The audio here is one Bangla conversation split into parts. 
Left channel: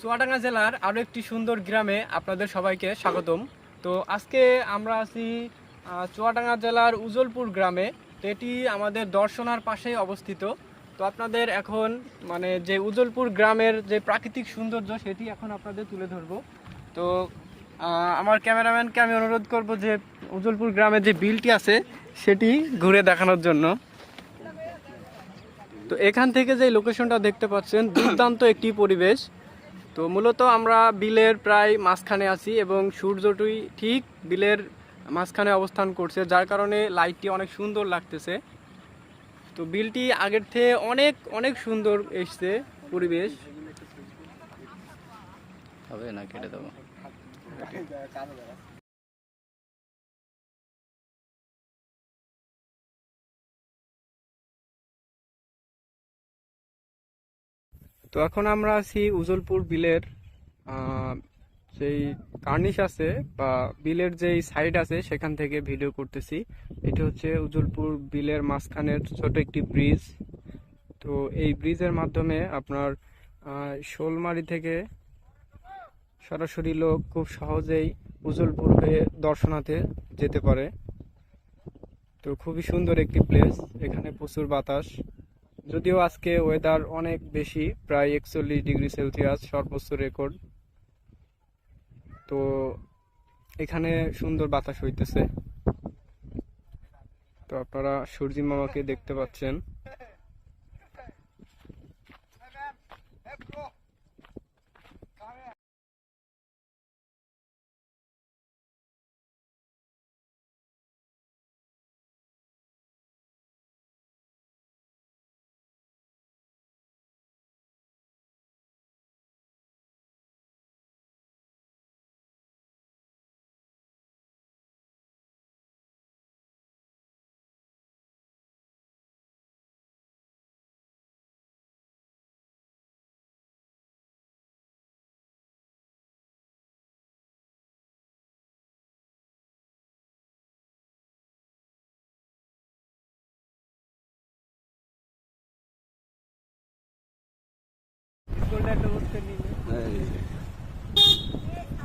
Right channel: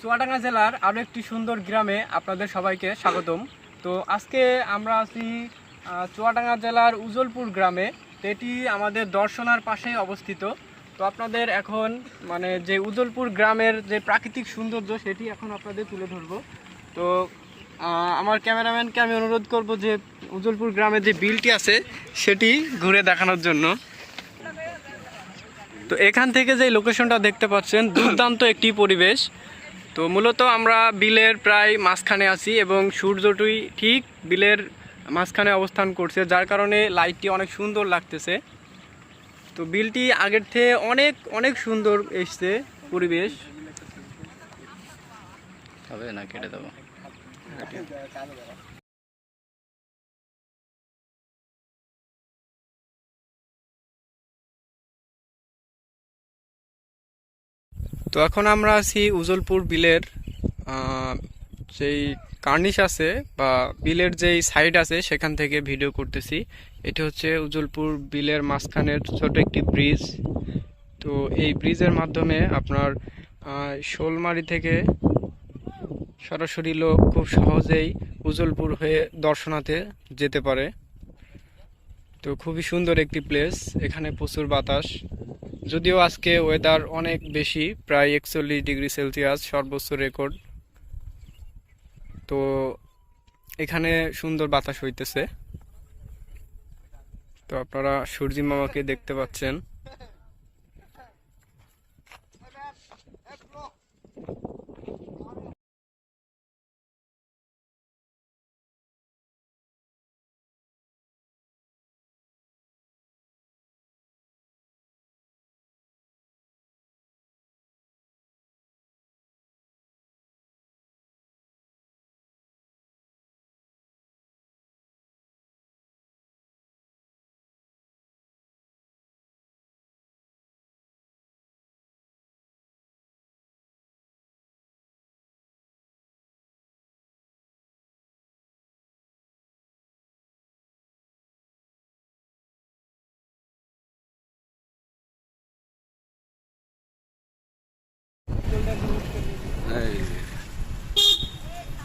চুয়াডাঙ্গা জেলার আরও একটি সুন্দর গ্রামে আপনাদের সবাইকে স্বাগতম। তো আজকে আমরা আছি চুয়াডাঙ্গা জেলার উজলপুর গ্রামে। এটি আমাদের দর্শনার পাশে অবস্থিত। তো আপনাদের এখন মানে যে উজলপুর গ্রামের যে প্রাকৃতিক সৌন্দর্য, সেটি এখন আপনাদের তুলে ধরবো। তো আমার ক্যামেরাম্যানকে আমি অনুরোধ করব যে উজলপুর গ্রামে যে বিলটি আছে, সেটি ঘুরে দেখানোর জন্য। তো এখান থেকে যে লোকেশনটা দেখতে পাচ্ছেন, দুর্দান্ত একটি পরিবেশ। তো মূলত আমরা বিলের প্রায় মাঝখানে আছি এবং সূর্যটি ঠিক বিলের মাঝখানে অবস্থান করছে, যার কারণে লাইটটি অনেক সুন্দর লাগতেছে। তো বিলটি আগের থেকে অনেক অনেক সুন্দর এসছে পরিবেশ। হবে না, কেটে দেবো। তো এখন আমরা আছি উজলপুর বিলের যেই কার্নিশ আছে বা বিলের যেই সাইড আছে সেখান থেকে ভিডিও করতেছি। এটি হচ্ছে উজলপুর বিলের মাঝখানের ছোট একটি ব্রিজ। তো এই ব্রিজের মাধ্যমে আপনার শোলমারি থেকে সরাসরি লোক খুব সহজেই উজলপুর হয়ে দর্শনাতে যেতে পারে। তো খুবই সুন্দর একটি প্লেস এখানে প্রচুর বাতাস। যদিও আজকে ওয়েদার অনেক বেশি, প্রায় একচল্লিশ ডিগ্রি সেলসিয়াস সর্বোচ্চ রেকর্ড তো এখানে সুন্দর বাতাস হইতেছে। তো আপনারা সূর্যি মামাকে দেখতে পাচ্ছেন।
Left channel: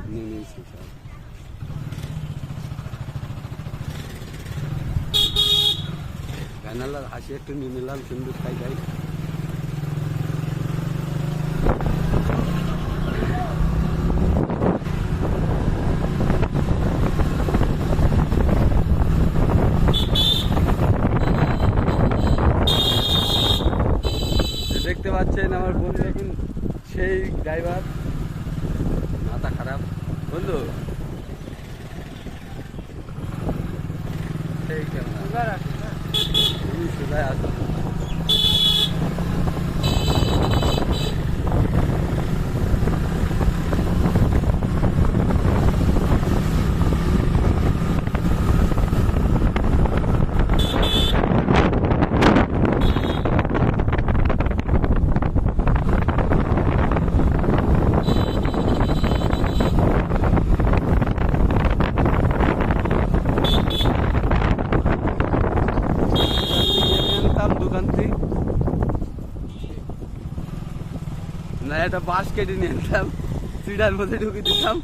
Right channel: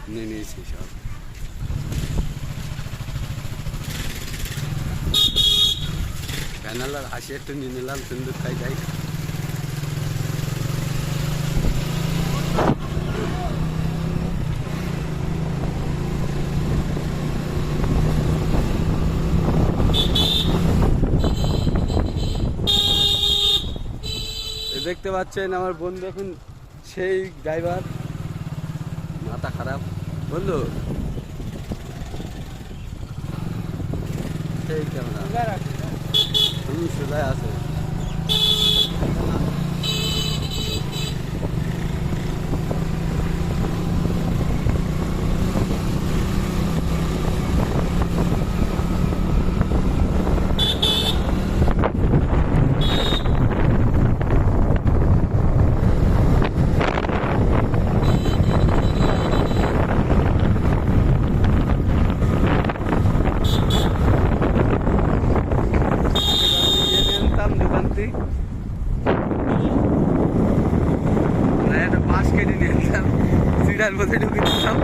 নিয়ে নিয়েছি একটু নিয়ে নিলাম সিন্দুর খাই যাই। দেখতে পাচ্ছেন আমার বন্ধু এখন সেই ড্রাইভার মাথা খারাপ। বন্ধু। সেই ক্যামেরা। তুমি সোজায় আসো আনতাম দোকান থেকে না একটা বাঁশ কেটে নিয়ে আনতাম সিডার মধ্যে ঢুকে দিতাম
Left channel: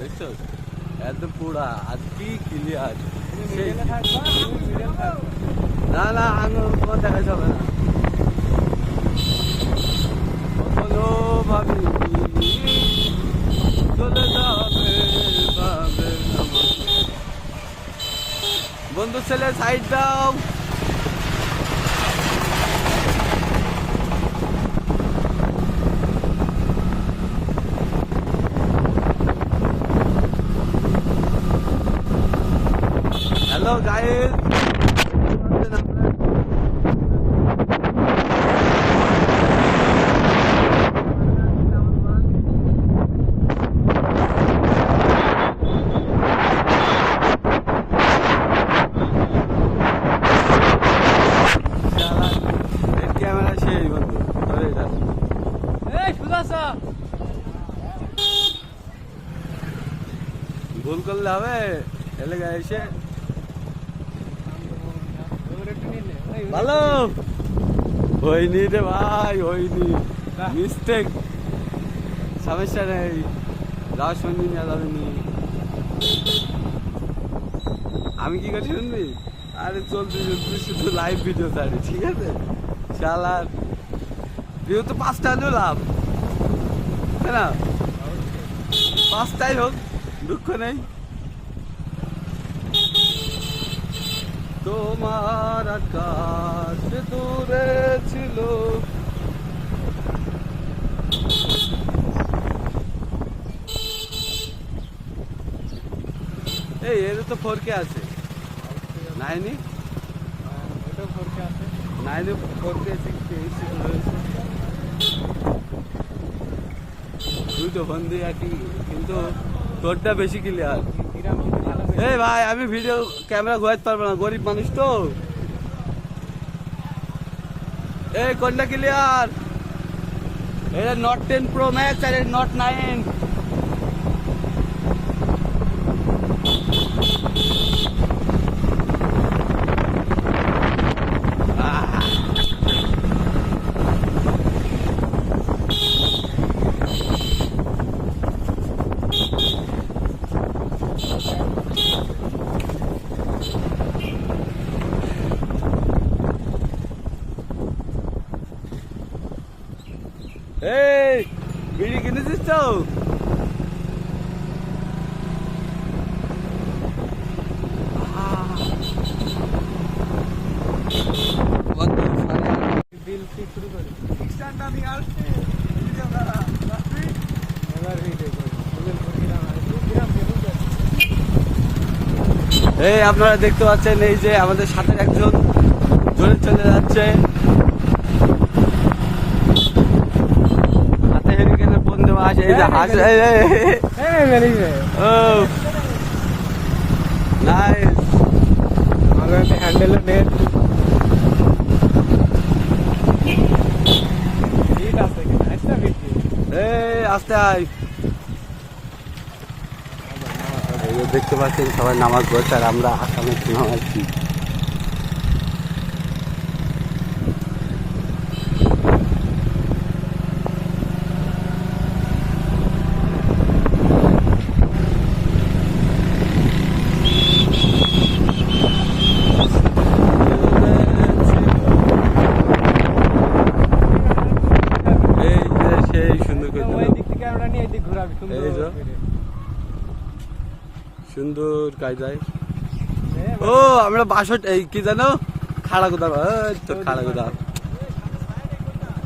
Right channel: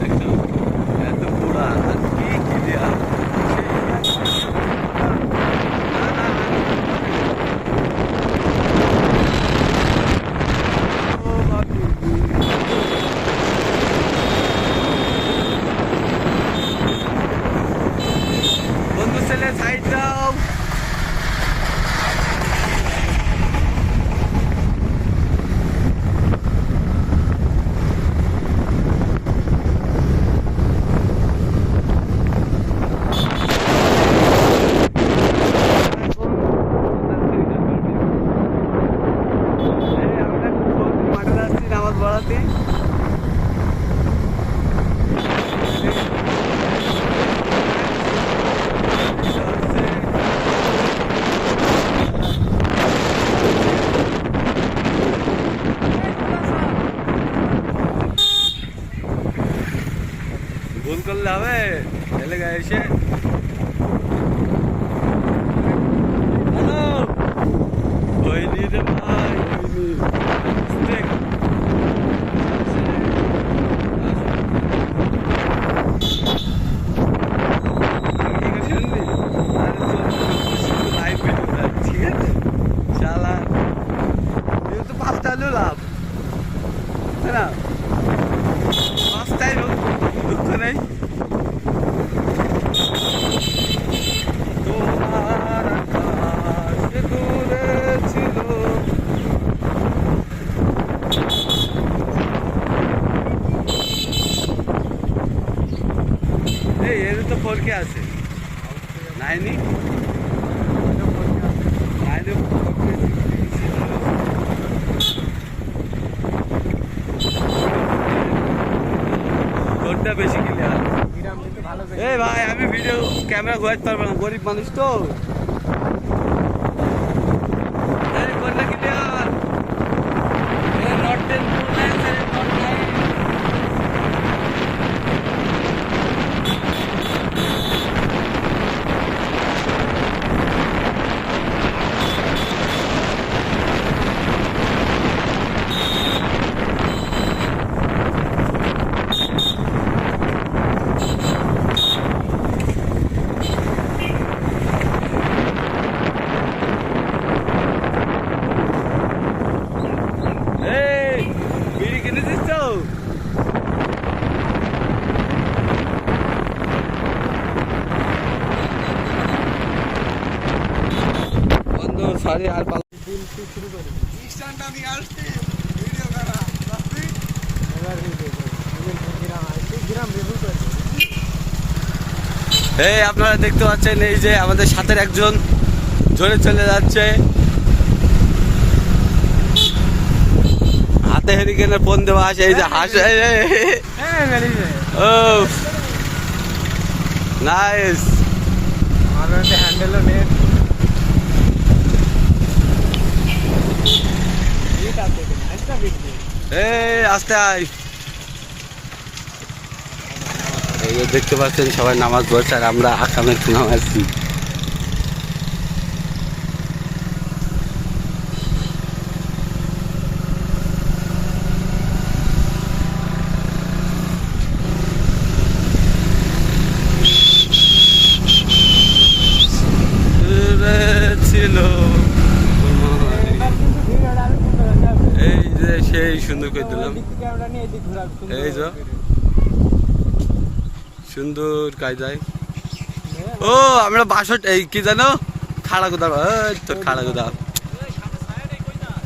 দেখছ? এত পোড়া আর কি হবে এলাকা এসে ভালো হয়নি রে ভাই হয়নি মিস্টেক আমি কি করে শুনবি আরে তোর শুধু লাইভ ভিডিও থাকে ঠিক আছে চালান যেহেতু পাঁচটা হলেও লাভ তাই না পাঁচটাই হোক দুঃখ নেই তোমার আকাশ দূরে ছিল এই এর তো ফোরকে আছে নাইনি নাইনি ফোরকে কোনটা বেশি ক্লিয়ার এই ভাই, আমি ভিডিও ক্যামেরা ঘোরাতে পারব না, গরিব মানুষ তো। এই কন্যা clear note ten pro max আর নট নাইন এই বিড়ি কিনেছিস সাড়ে এই, আপনারা দেখতে পাচ্ছেন এই যে আমাদের সাথের একজন, জোরে চলে যাচ্ছে। হাতে হেরিকেনের ফোন দেওয়া আছে এই যে হাস ও নাইস আস্তে আয়। দেখতে পাচ্ছেন সবাই নামাজ পড়ছে আর আমরা আকামে নামাজছি ছিল এই যে সেই সুন্দর করে দিলাম। এই যে সুন্দর কায়দায় ও আমরা বাসট এই কি জানো? খাড়া গোদা তোর খাড়া গোদা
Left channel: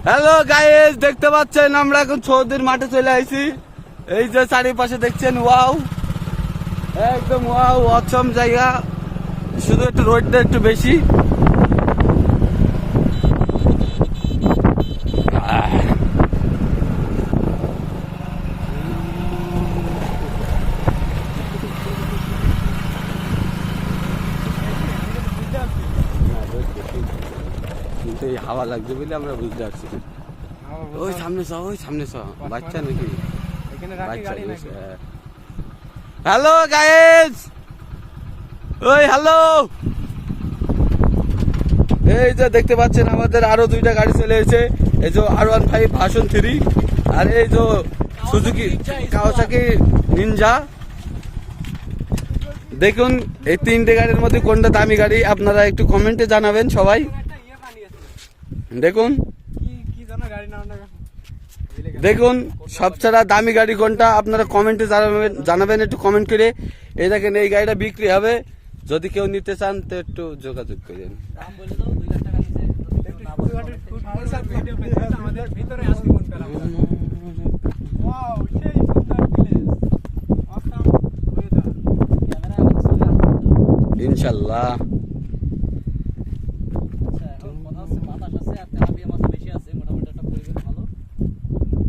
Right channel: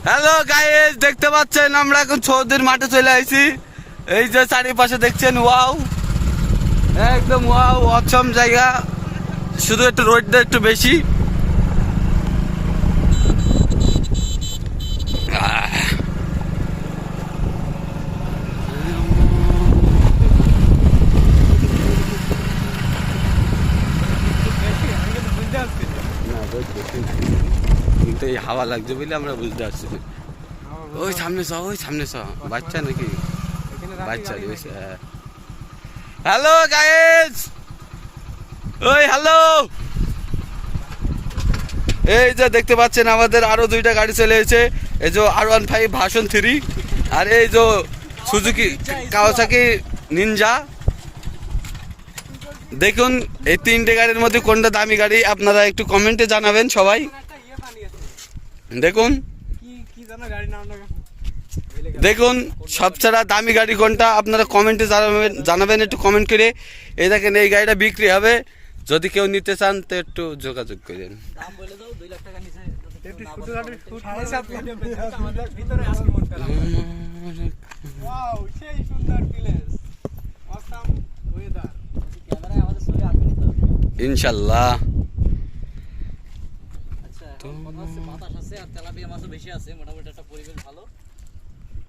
হ্যালো গাইস দেখতে পাচ্ছেন আমরা এখন ছৌদের মাঠে চলে আইছি। এই যে চারিপাশে দেখছেন ওয়াও। একদম ওয়াও অচম জায়গা। শুধু একটু রোডটা একটু বেশি। হাওয়া লাগছে বলে আমরা বুঝতে পারছি ওই সামনে চ ওই সামনে চ বাচ্চা নাকি? বাচ্চা হ্যালো গাইস ওই হ্যালো! এই যে দেখতে পাচ্ছেন আমাদের আরও দুইটা গাড়ি চলে এসেছে। এই যে R one five version three আর এই যে সুজুকি কাওয়াসাকি নিনজা দেখুন এই তিনটে গাড়ির মধ্যে কোনটা দামি গাড়ি? আপনারা একটু কমেন্টে জানাবেন সবাই। দেখুন। দেখুন, সবচেয়ে দামি গাড়ি কোনটা? আপনারা কমেন্টে জানাবেন জানাবেন, একটু কমেন্ট করে। এই দেখেন, এই গাড়িটা বিক্রি হবে। যদি কেউ নিতে চান, তো একটু যোগাযোগ করেন। ইনশাল্লাহ।